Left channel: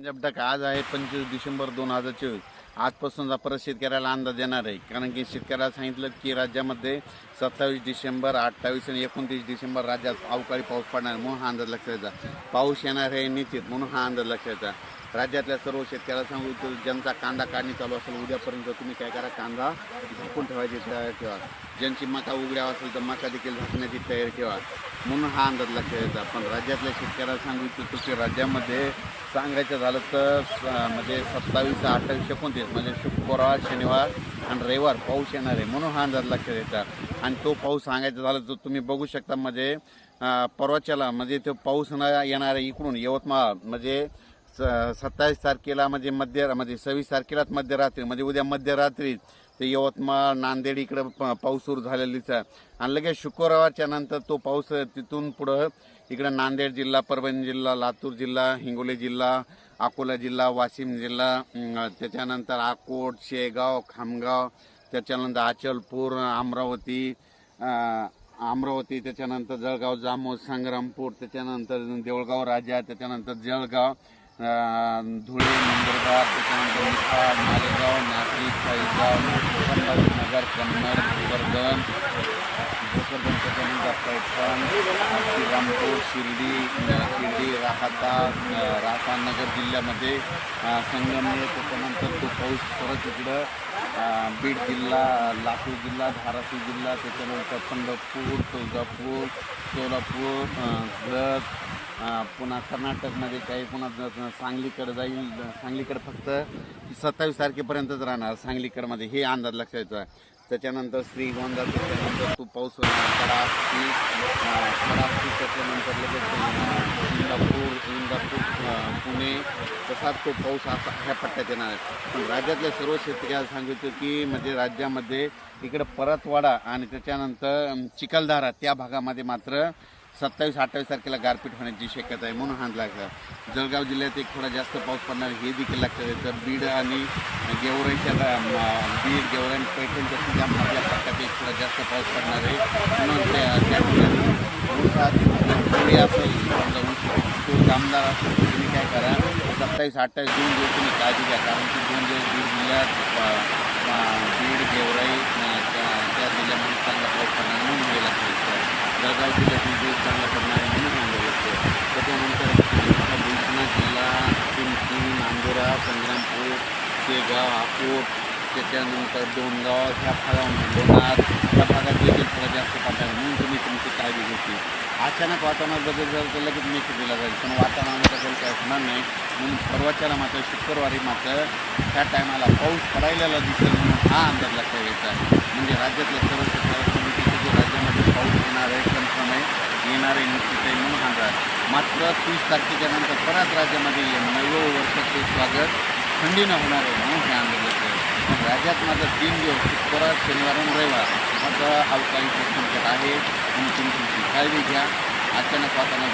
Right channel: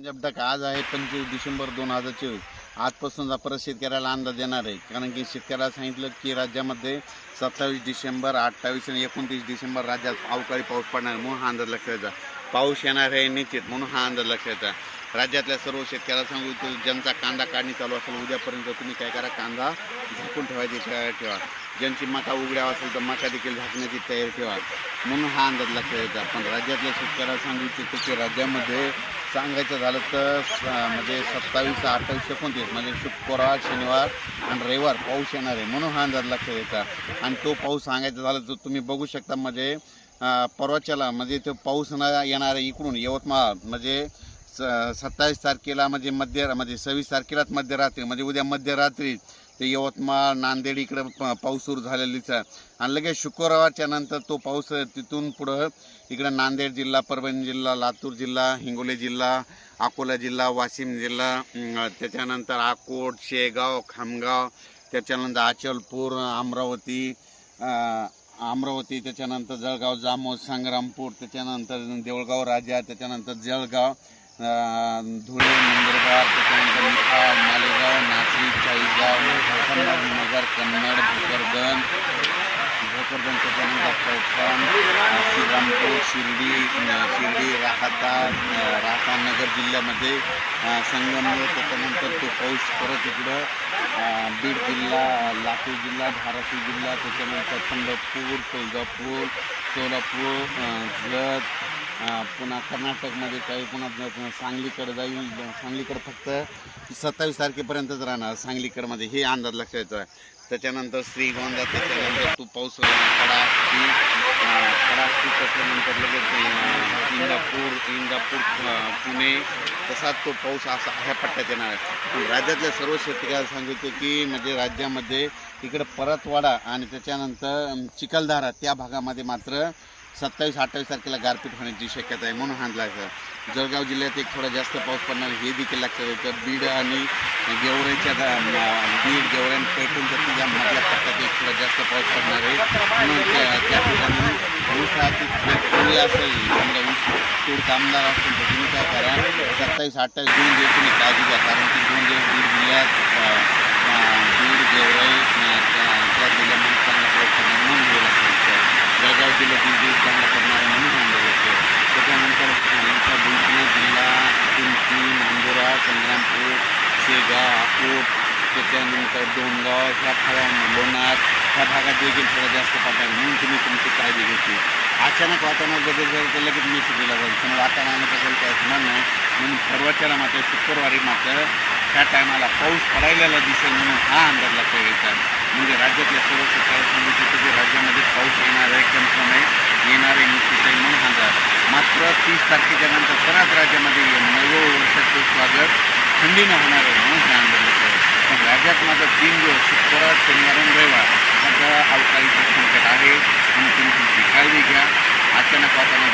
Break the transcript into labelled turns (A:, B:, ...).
A: म्हणजे पंजाब आज आहे पंचवीस डिसेंबर दोन हजार चोवीस. आजपासूनचा परत शेतकऱ्याला अंदाज देणार आहे. कारण की शेतकऱ्याला सांगितलं की राज्यामध्ये सत्तावीस डिसेंबर अठ्ठावीस आणि एकोणतीस डिसेंबर राज्यात अवकाळी पाऊस पडणार आहे, म्हणून हा अंदाज लक्षात पाऊस येणार आहे निश्चित म्हणून हा अंदाज लक्षात राज्यातल्या सर्व शेतकऱ्याला सांगू इच्छितो ज्यांचा कांदा काढणी चालू असेल उद्यापर्यंत तुम्ही काय करा कांदा झाकून ठेवायची ठेवा. ज्यांची मका उघड्या असेल तर मका देखील झाकण्याची तयारी ठेवा. म्हणून हा अंदाज लक्षात घ्यायचा पण राज्यातल्या शेतकऱ्याला सांगू इच्छितो की राज्यामध्ये सांगायचं झालं तर स- म्हणजे सत्तावीस अठ्ठावीस एकोणतीस म्हणजे शुक्रवार शनिवार आणि रविवार पाऊस येणार आहे. म्हणून हा अंदाज लक्षात येतात आणि तो पाऊस सांगायचा झाला तर तुम्ही बघू शकता म्हणजे परवाच्याला म्हणजे तो पाऊस न येणार आहे इकडून यवतमाळ म्हणजे स- सत्तावीस तारखेला म्हणजे मध्य म्हणजे सव्वीस तारखेलाच मध्यरात्री म्हणजे उद्या मध्यरात्री ते यवतमाळ नांदेड इकडं प- पाऊस सुरू झालेलीच आहे. आणि लगेच शुक्रवारच्या नंतर तो पाऊस तिथून पुढं इकडं नांदेड जिल्हा परभणी जिल्हा लातूर जिल्हा हिंगोली जिल्हा अकोला जिल्हा वाशिम जिल्हा त्याच्यानंतर अकोट शेगाव खामगाव त्याच्यानंतर अचलपूर अमरावती अमरावती त्याच्यानंतर जळगाव जामोद संग्रामपूर त्याच्यानंतर देवळगाव राजा त्याच्यानंतर जळगाव धुळे नंदुरबार त्याच्यानंतर मालेगाव मालेगाव नाशिक चाळीसगाव संभाजीनगर कन्नड भोकरदन भोकरदन त्याच्यानंतर पैठण श्रीरामपूर शिर्डी शिर्डी राहता राहतानगर जिल्ह्यामध्ये अं, संगमनेर त्याच्यानंतर तो पाऊस परत इकडं बीड जिल्हा लातूर जिल्हा धाराशिव जिल्हा त्याच्यानंतर पंढरपूर तुळजापूर सोलापूर जत पुन्हा कर्नाटकमध्ये काही पुन्हा सांगलीकडे जाईल सांगलीकडे फक्त सत्तावीस तारखेपर्यंतच राहणार सांगलीकडमध्ये हे अंदाज लक्षायचा आहे. त्याच्यानंतर श्रीगोंदा त्याच्यानंतर तो पाऊस कडा खडाकी त्याच्यानंतर लगेच इंदापूर इंदापूर पुणे तसाच तो पाऊस असा ह्या पट्ट्यात येणार आहे. राज्यातल्या सर्व शेतकऱ्याला सांगितलं की म्हणजे राज्यामध्ये इकडं परतवाडा आणि त्याच्यानंतर अं, चिखलदरा त्या भागामध्ये मात्र सत्तावीस अठ्ठावीस तारखेला गारपीट होण्याची शक्यता आहे म्हणून हात लागतं जळगाव जिल्ह्यात एक थोडा जास्त पाऊस पडणार हे देखील लक्षात येतं बीड आणि गेवऱ्यांच्या बीड गेवऱ्यां पैठणच्या तिच्या मधल्या पट्ट्यात एक थोडा जास्त पाऊस पडणार आहे. म्हणून त्या- ऊसात असेल समजा ऊस तूर दामदार असेल तर तुम्ही काय करा सत्तावीस अठ्ठावीस दोन दिवस तुम्ही काळजी घ्या. कारण की दोन दिवस बीड जिल्ह्यात बीड गेवराई अ, त्या त्या जिल्ह्यामध्ये चांगला पाऊस पडणार म्हणून हे लक्षात येतं जळगाव जिल्ह्यातील पडणार म्हणून सांगलं त्याच्यानंतर इथं बुलढाणा जिल्हा पिंपरी नांदुरा संग्रामपूर शेगाव अकोट त्याच्यानंतर दोनगाव ह्या फळा लोणार त्या भागात देखील थोडा जास्त पडणार म्हणून तुम्ही तुमची काळजी घेतली. अचानक वातावरणात बदल जर तर लगेच मेसेज दिला जाईल. पण वातावरणात बदल काय होणार नाही. म्हणून परवाच्याला मात्र शुक्रवारी मात्र त्या टायमाला पाऊस पडायला दिसेल म्हणून हा अंदाज लक्षात घ्यायचा म्हणजे राज्यातल्या सर्व सरकार समितीचं जे राज्यामध्ये पाऊस येणार आहे कन्फर्म आहे येणार आहे निश्चित आहे म्हणून हा अंदाज मात्र तीस तारखेच्या नंतर बऱ्याच राज्यामध्ये नवं वर्षाचं स्वागत थंडीनं होणार आहे म्हणून हे आंदोलन पण राज्यात माझा तीन दिवस शुक्रवार शनिवार आणि रविवार माझं अवकाळीचं संकट आहे. आणि तुम्ही तुमची काळजी घ्या. अचानक वातावरण